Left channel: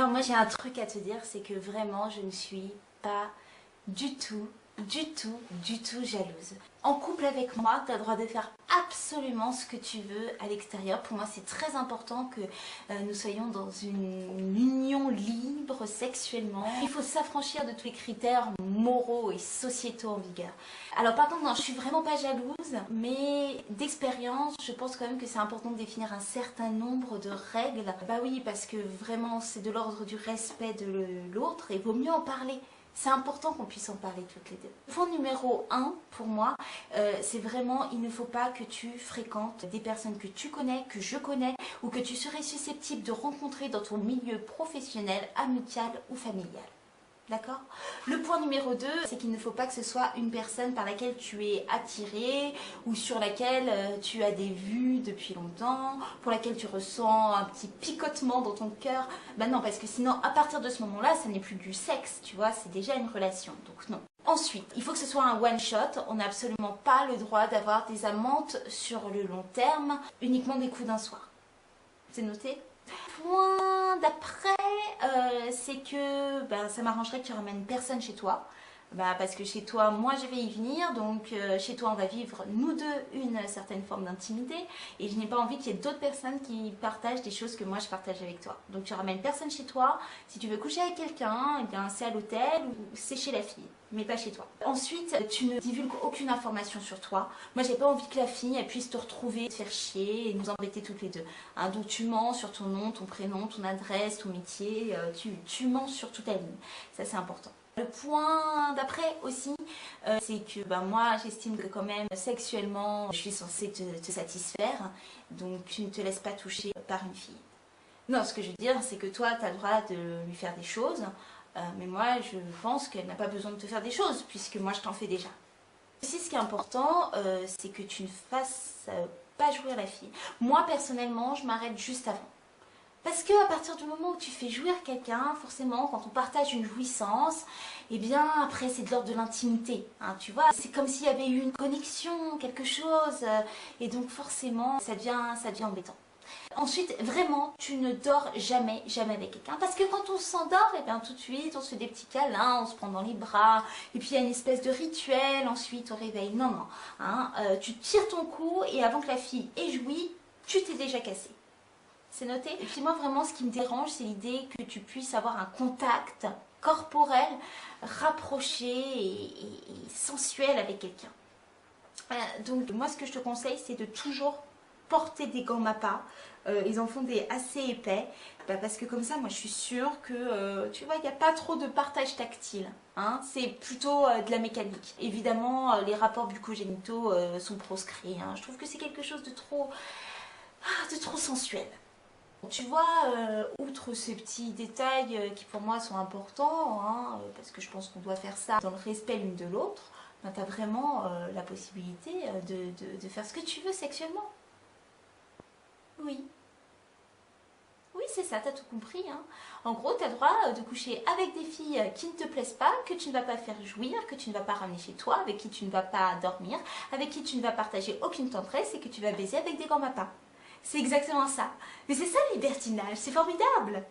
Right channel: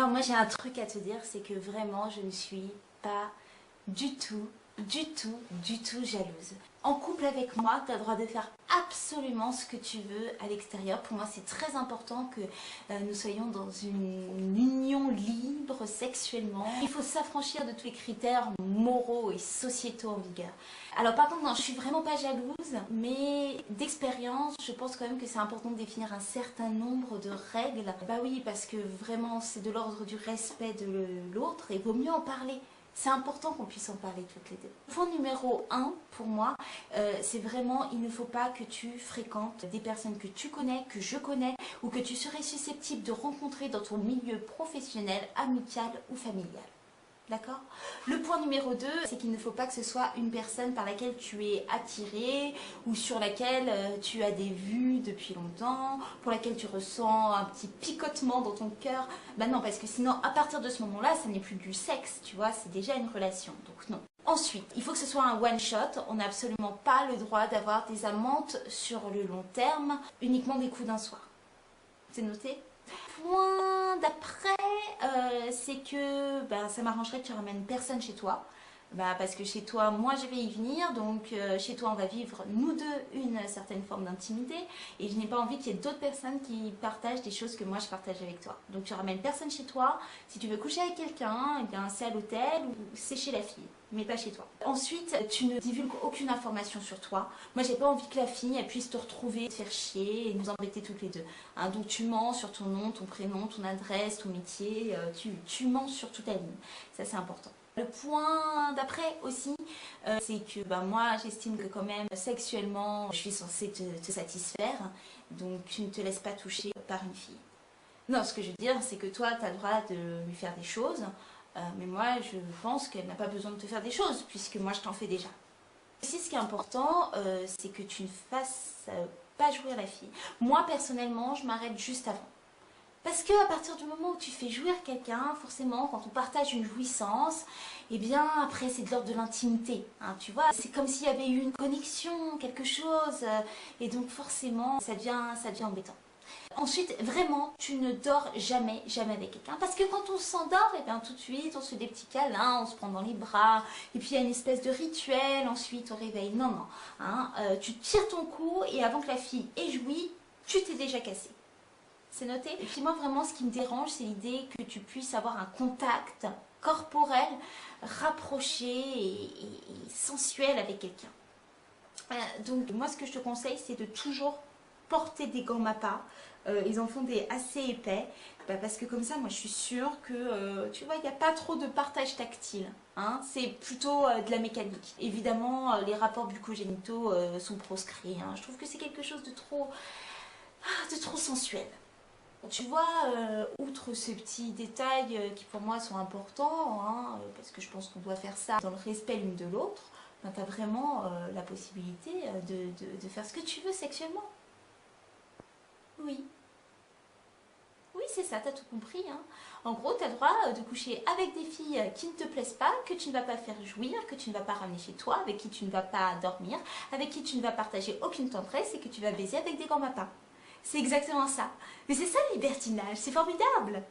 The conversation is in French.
Alors moi j'ai un truc à te dire, c'est que vraiment je ne suis pas du tout jalouse. En couple avec moi, tu as le droit de faire absolument ce que tu veux à l'extérieur. Pour moi, c'est très important que nous soyons dans une union libre sexuellement. Il faut s'affranchir de tous les critères moraux et sociétaux en vigueur. Alors par contre, non, je suis vraiment pas jalouse, mais d'expérience, je pense quand même que c'est important de définir un certain nombre de règles. Bah oui, parce que vraiment, c'est de l'ordre du respect de l'autre et vaut mieux en parler. C'est important qu'on puisse en parler toutes les deux. Point numéro 1 pour moi, c'est vraiment il ne faut pas que tu fréquentes des personnes que tu connais, que je connais ou que tu serais susceptible de rencontrer dans ton milieu professionnel, amical ou familial. D'accord? Le point numéro 2, c'est qu'il ne faut pas que ce soit une personne par laquelle tu es attiré ou sur laquelle tu as des vues depuis longtemps, pour laquelle tu ressens un petit picotement dans ton cœur. Ben non, parce que sinon, à partir de ce moment-là, ça n'est plus du sexe, tu vois, c'est déjà une relation. Donc non. Ensuite, il faut que ce soit un one-shot. On n'a absolument pas le droit d'avoir des amantes sur le long terme, uniquement des coups d'un soir. C'est noté? Point d'après, c'est que ça m'arrangerait que tu ramènes personne chez toi. Parce que chez toi, moi je vais y venir, donc chez toi on va vivre nous deux une certaine forme d'intimité et je n'ai pas envie qu'il y ait d'autres personnes qui partagent des choses que moi je partage avec toi. Donc tu ramènes personne chez toi, si tu veux coucher avec quelqu'un, eh bien c'est à l'hôtel ou c'est chez la fille, mais pas chez toi. Ensuite, tu ne divulgues aucune information sur toi. Moi j'ai pas envie que la fille elle puisse te retrouver, te faire chier et nous embêter toutes les deux. Hein, donc tu mens sur ton nom, ton prénom, ton adresse, ton métier, tu mens sur toute ta ligne. Ça c'est important. Le point d'après aussi, c'est que moi j'estime que quand même sexuellement je suis censée te satisfaire, donc tu ne te laisses pas toucher par une fille. Non, ce que je veux dire c'est que toi tu as le droit de lui faire des choses, mais moi je pense qu'elle n'a pas besoin de te faire des choses puisque moi je t'en fais déjà. Aussi ce qui est important, c'est que tu ne fasses pas jouir la fille. Moi personnellement je m'arrête juste avant. Parce que à partir du moment où tu fais jouir quelqu'un, forcément, quand on partage une jouissance, eh bien après c'est de l'ordre de l'intimité, hein, tu vois. C'est comme s'il y avait eu une connexion, quelque chose, et donc forcément ça devient embêtant. Ensuite, vraiment, tu ne dors jamais avec quelqu'un. Parce que quand on s'endort, eh bien tout de suite, on se fait des petits câlins, on se prend dans les bras, et puis il y a une espèce de rituel, ensuite au réveil. Non, non, hein, tu tires ton cou, et avant que la fille ait joui, tu t'es déjà cassé. C'est noté. Et puis moi vraiment ce qui me dérange c'est l'idée que tu puisses avoir un contact corporel rapproché et sensuel avec quelqu'un. Donc moi ce que je te conseille c'est de toujours porter des gants MAPPA. Ils en font des assez épais parce que comme ça moi je suis sûre que tu vois il n'y a pas trop de partage tactile. Hein, c'est plutôt de la mécanique. Évidemment les rapports bucco-génitaux sont proscrits. Hein. Je trouve que c'est quelque chose de trop sensuel. Tu vois, outre ces petits détails qui pour moi sont importants, hein, parce que je pense qu'on doit faire ça dans le respect l'une de l'autre, tu as vraiment la possibilité de faire ce que tu veux sexuellement. Oui. Oui, c'est ça, t'as tout compris. Hein. En gros, tu as le droit de coucher avec des filles qui ne te plaisent pas, que tu ne vas pas faire jouir, que tu ne vas pas ramener chez toi, avec qui tu ne vas pas dormir, avec qui tu ne vas partager aucune tendresse et que tu vas baiser avec des gants MAPPA. C'est exactement ça. Mais c'est ça le libertinage, c'est formidable.